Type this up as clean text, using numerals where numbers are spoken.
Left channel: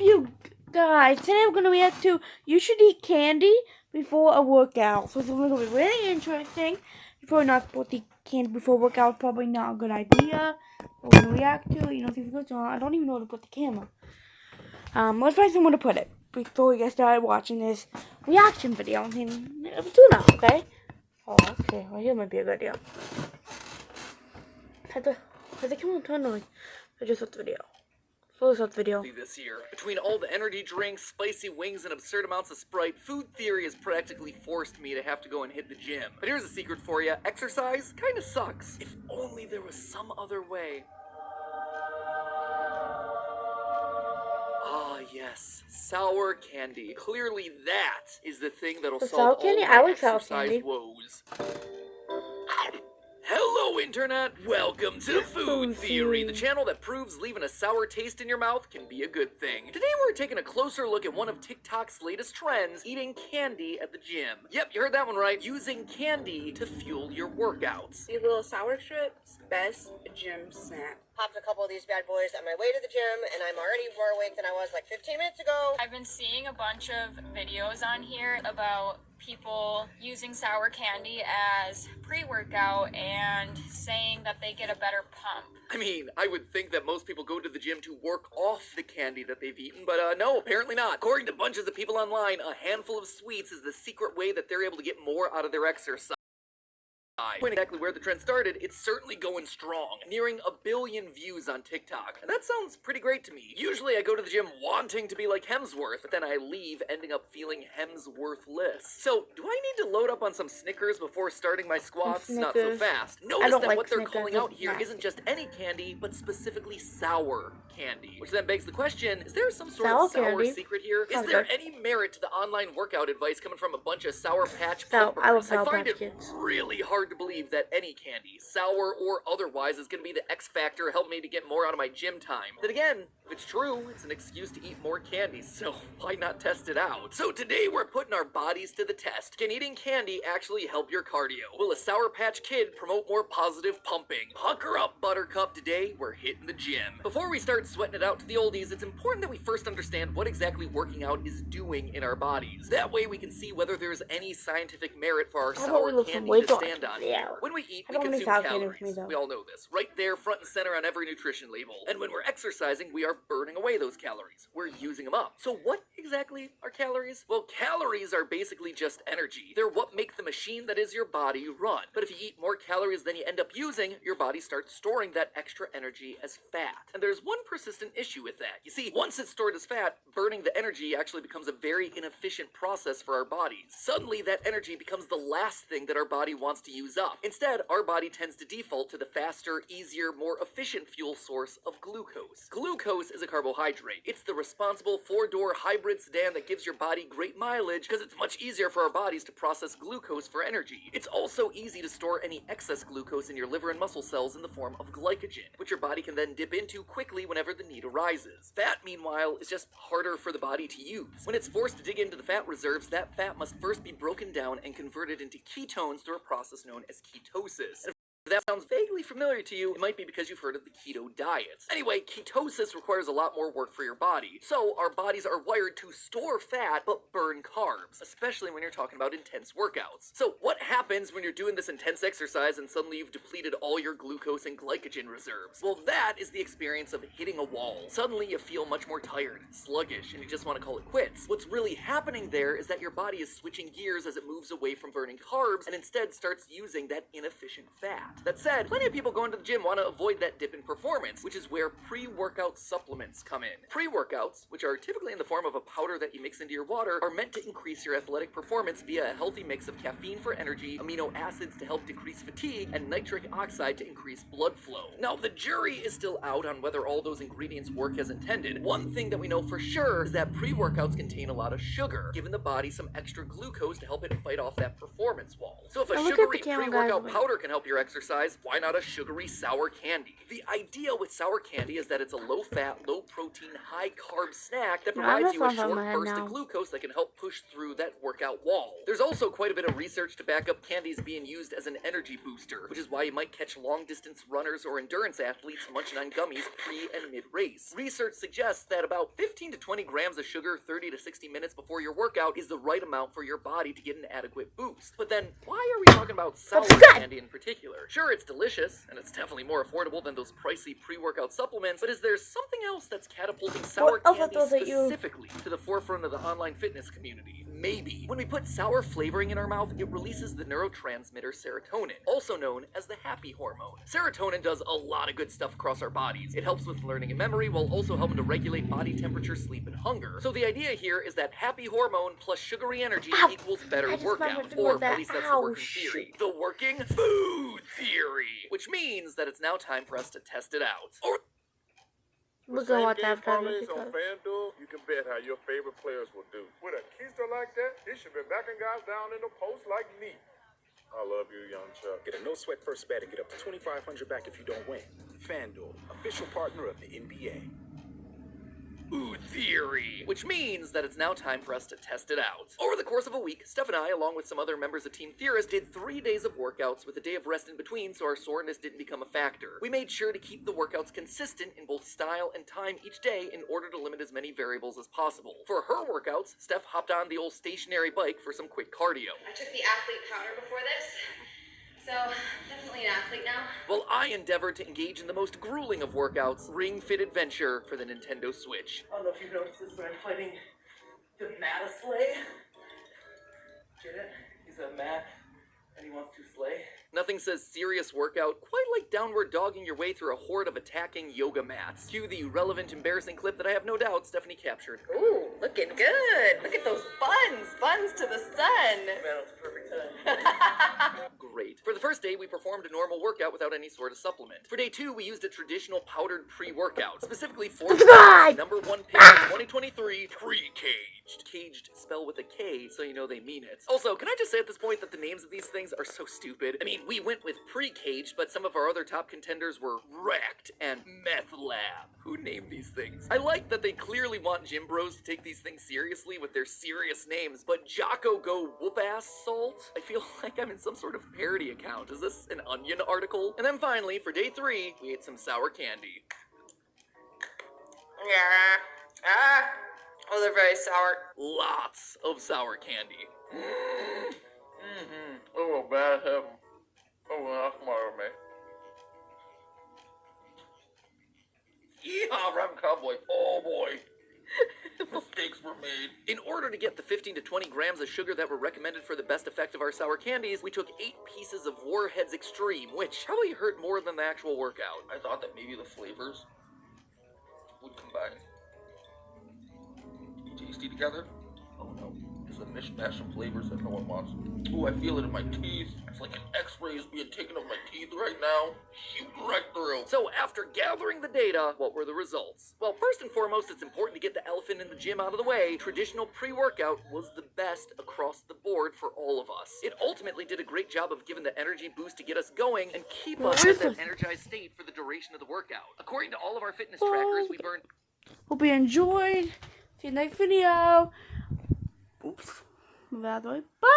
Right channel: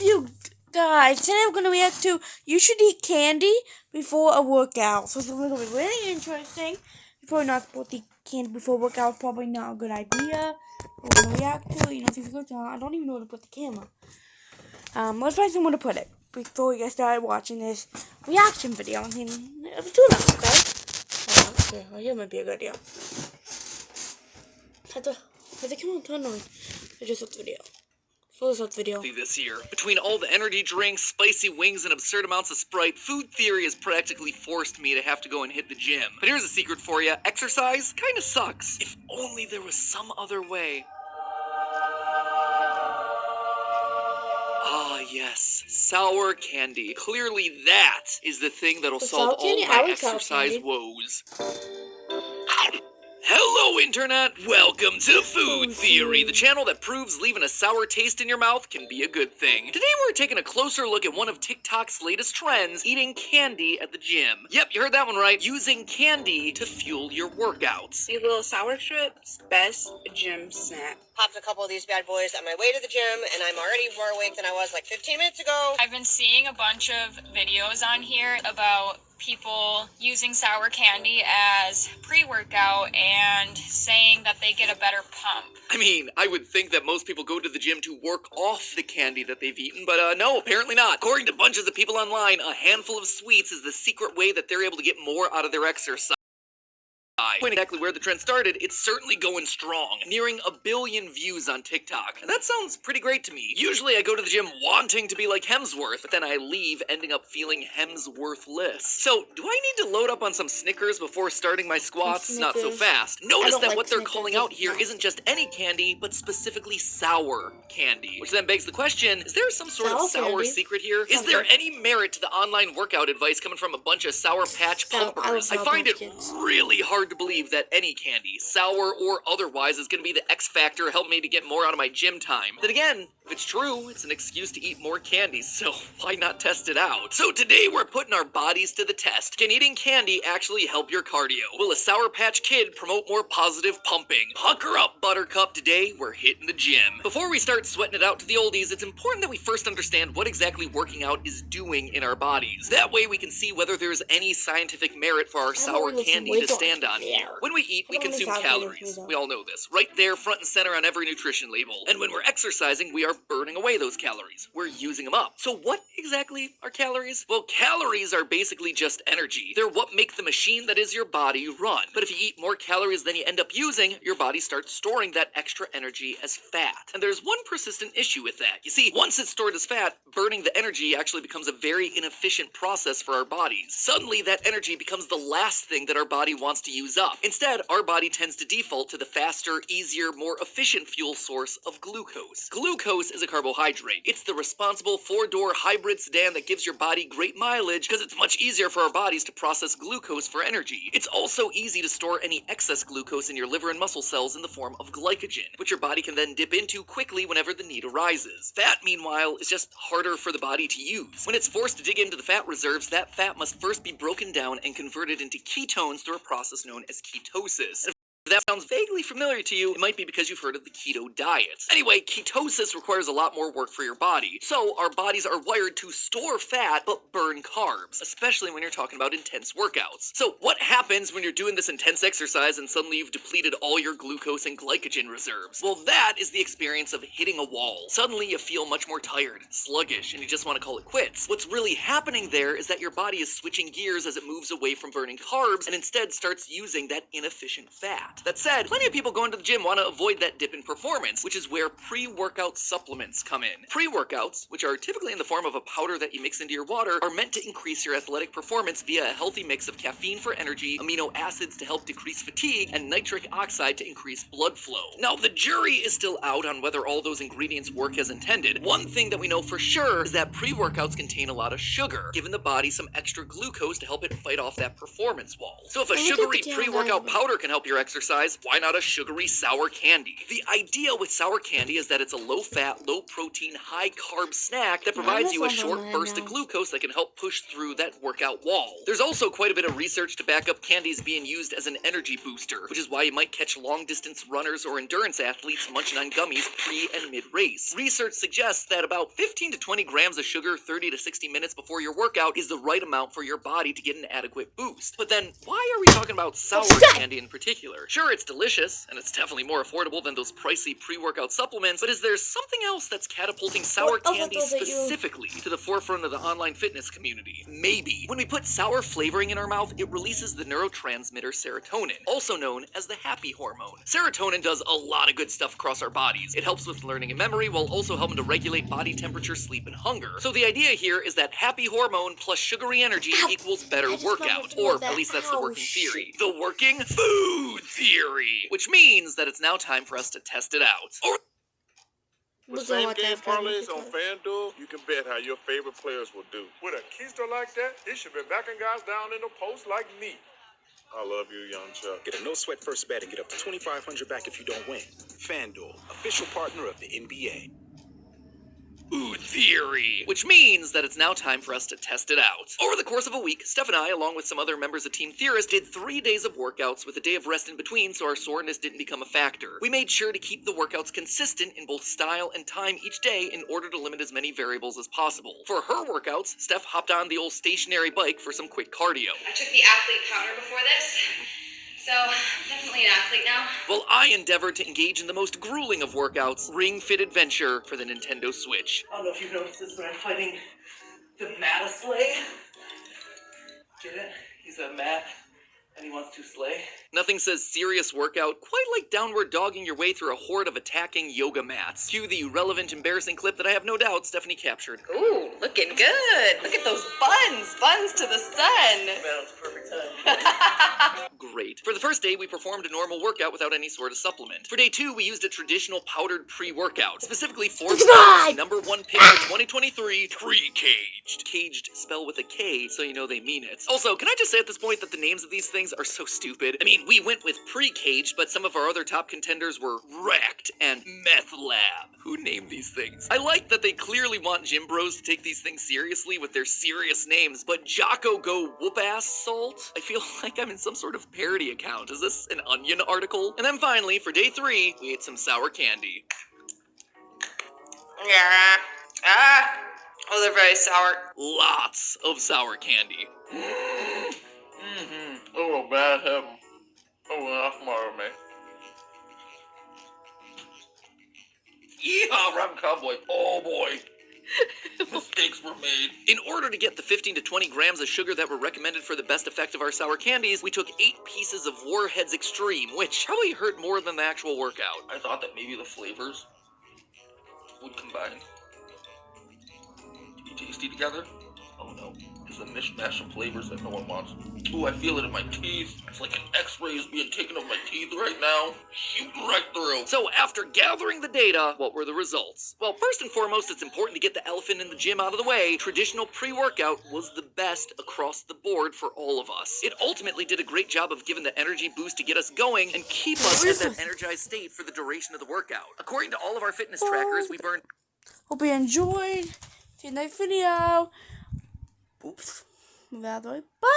you guys? Today I'm gonna react to you should eat candy before a workout. So it's gonna be really interesting. You're probably not supposed to eat candy before a workout. Probably not a good idea. We're gonna react to it. You know, see if it's on. I don't even know where to put the camera. Let's find somewhere to put it before we get started watching this reaction video. I mean, it's too long, okay? Oh, okay. Well, here might be a good idea. Has the camera turned on? Or just watch the video? Video. This year. Between all the energy drinks, spicy wings, and absurd amounts of Sprite, food theory has practically forced me to have to go and hit the gym. But here's a secret for you. Exercise kinda sucks. If only there was some other way. Ah, yes. Sour candy. Clearly that is the thing that'll solve all my exercise woes. Hello, Internet! Welcome to Food Theory, the channel that proves leaving a sour taste in your mouth can be a good thing. Today we're taking a closer look at one of TikTok's latest trends, eating candy at the gym. Yep, you heard that one right. Using candy to fuel your workouts. These little sour strips, best gym snack. Popped a couple of these bad boys on my way to the gym, and I'm already more awake than I was like 15 minutes ago. I've been seeing a bunch of videos on here about people using sour candy as pre-workout and saying that they get a better pump. I mean, I would think that most people go to the gym to work off the candy that they've eaten, but no, apparently not. According to bunches of people online, a handful of sweets is the secret way that they're able to get more out of their exercise. When exactly where the trend started, it's certainly going strong, nearing 1 billion views on TikTok. And that sounds pretty great to me. Usually I go to the gym wanting to be like Hemsworth, but then I leave ending up feeling Hemsworthless. So, do I need to load up on some Snickers before starting my squats? Not so fast. Notice that what they're calling out here isn't just any candy, but specifically sour candy. Which then begs the question, is there some sort of sour secret here? Is there any merit to the online workout advice coming from a bunch of Sour Patch pumpers? I find it really hard to believe that any candy, sour or otherwise, is going to be the X factor help me to get more out of my gym time. Then again, if it's true, it's an excuse to eat more candy, so why not test it out? So today we're putting our bodies to the test. Can eating candy actually help your cardio? Will a Sour Patch Kid promote more positive pumping? Hunker up, Buttercup. Today we're hitting the gym. Before we start sweating it out to the oldies, it's important that we first understand what exactly working out is doing in our bodies. That way we can see whether there's any scientific merit for our sour candy to stand on here. When we eat, we consume calories. We all know this. Right there, front and center on every nutrition label. And when we're exercising, we are burning away those calories. We're using them up. So what exactly are calories? Well, calories are basically just energy. They're what make the machine that is your body run. But if you eat more calories than you end up using, your body starts storing that extra energy as fat. And there's one persistent issue with that. You see, once it's stored as fat, burning the energy actually becomes a very inefficient process for our bodies. Suddenly, that energy becomes the last thing that our body wants to use up. Instead, our body tends to default to the faster, easier, more efficient fuel source of glucose. Glucose is a carbohydrate. It's the responsible four-door hybrid sedan that gives your body great mileage because it's much easier for our bodies to process glucose for energy. It's also easy to store any excess glucose in your liver and muscle cells in the form of glycogen, which your body can then dip into quickly whenever the need arises. Fat, meanwhile, is just harder for the body to use. When it's forced to dig into the fat reserves, that fat must first be broken down and converted into ketones through a process known as ketosis. If that sounds vaguely familiar to you, it might be because you've heard of the keto diet. Anyway, ketosis requires a lot more work for your body. So our bodies are wired to store fat but burn carbs, especially when you're talking about intense workouts. So what happens when you're doing this intense exercise and suddenly you've depleted all your glucose and glycogen reserves? Well, that is the experience of hitting a wall. Suddenly you feel much more tired, sluggish, and you just want to call it quits. What's really happening there is that your body is switching gears as it moves away from burning carbs and instead starts using that inefficient fat. That said, plenty of people going to the gym want to avoid that dip in performance, which is where pre-workout supplements come in. Pre-workouts, which are typically in the form of a powder that you mix into your water, are meant to increase your athletic performance via a healthy mix of caffeine for energy, amino acids to help decrease fatigue, and nitric oxide to increase blood flow. Now, the jury is still out on whether all those ingredients work as intended. One thing that we know for sure is that pre-workouts contain a lot of sugar, giving the body some extra glucose to help it fight off that performance wall. So if a sugary pre-workout powder can help your exercise, exercise, why not a sugary sour candy? The idea with sour candy is that it's a low-fat, low-protein, high-carb snack that provides you a short burst of glucose that can help push through that workout wall. There's also quite a bit of research to back up candies being used as an energy booster, which is why you might catch long-distance runners or endurance athletes munching on gummies pre- and mid-race. Research suggests that about 15 to 20 grams of sugar 30 to 60 minutes before your workout is the right amount for your body to get an adequate boost. But then, why are we talking about sour candy in particular? Sure, it's delicious, and it's definitely more affordable than those pricey pre-workout supplements, but is there something else that's catapulting sour candy specifically to the forefront of the online fitness community? Maybe. When we put sour flavoring in our mouth, it releases the neurotransmitter serotonin, also known as the happy hormone. Serotonin does a lot of good stuff across our bodies. It helps with learning and memory while also helping to regulate body temperature, sleep, and hunger. So the idea here is that happy hormone plus sugary energy equals better workout, or at least that's the working theory. The working food theory, which means that it's now time for us to test it out. Or We're gonna watch that parlays on FanDuel. You can bet how your favorite players will do. With a keister like that, he should be backing guys down in the post like me. I love you, young Chuck. Get a no-sweat first bet and get up to $2,500 back if you don't win. FanDuel, official partner of the NBA. food theory, which means that it's now time for us to test it out. Over the course of a week, Steph and I, along with some other members of Team Theorist, did 3 days of workouts with a day of rest in between so our soreness didn't become a factor. We made sure to keep the workouts consistent in both style and time each day in order to limit as many variables as possible. For her workouts, Steph hopped on the old stationary bike for some quick cardio. I took the athlete powder before this, so I'm definitely an athlete now. While I endeavored to engage in the most grueling of workouts, Ring Fit Adventure for the Nintendo Switch. I don't know if you've noticed this, but I'm fighting the Mataslay. Get it? He's a Mat, and he wants to slay. Nothing says serious workout quite like downward dogging your way through a horde of attacking yoga mats. Cue the relevant, embarrassing clip that I have no doubt Stephanie captured. Ooh, looking good. Look at those buns. Buns to the sun. Man, it's perfect time. Great. For the first day, we performed a normal workout without any sort of supplement. For day 2, we used a traditional powdered pre-workout, specifically for number 1 pick of 2023, Pre-Caged. Caged spell with a K, so you know they mean it. Also, can I just say at this point that the names of these things are so stupid? I mean, we went with Pre-Caged, but some of our other top contenders were Wrecked and Meth Lab. Who named these things? I like that they clearly want gym bros to take these things seriously with their serious names, but Jocko Go Whoop Ass Salt? I feel like I'm in some sort of parody account. Is this an Onion article? And then finally, for day 3, we ate some sour candy. Yeah. Ah. Oh, they're very sour. Lots of sour candy. Oh, bad heaven. Oh, that's more of me. Yeehaw, Rob Cowboy. Oh boy. Mistakes were made. In order to get the 15 to 20 grams of sugar that were recommended for the best effect of our sour candies, we took 8 pieces of Warheads Extreme, which probably hurt more than the actual workout. I thought that maybe the flavors would combine to be tasty together. Oh no, it's a mishmash of flavors that no one wants. Ooh, I feel it in my teeth. It's like an x-ray is being taken of my teeth right now. Shooting right through. So after gathering the data, what were the results? Well, first and foremost, it's important to get the elephant in the gym out of the way. Traditional pre-workout was the best across the board for all of us. It ultimately did a great job of giving the energy boost to get us going and keep us in that energized state for the duration of the workout. According to all of our fitness trackers, we burned... Hope you enjoyed. See you next video. Oops. Move out of the way. Bye.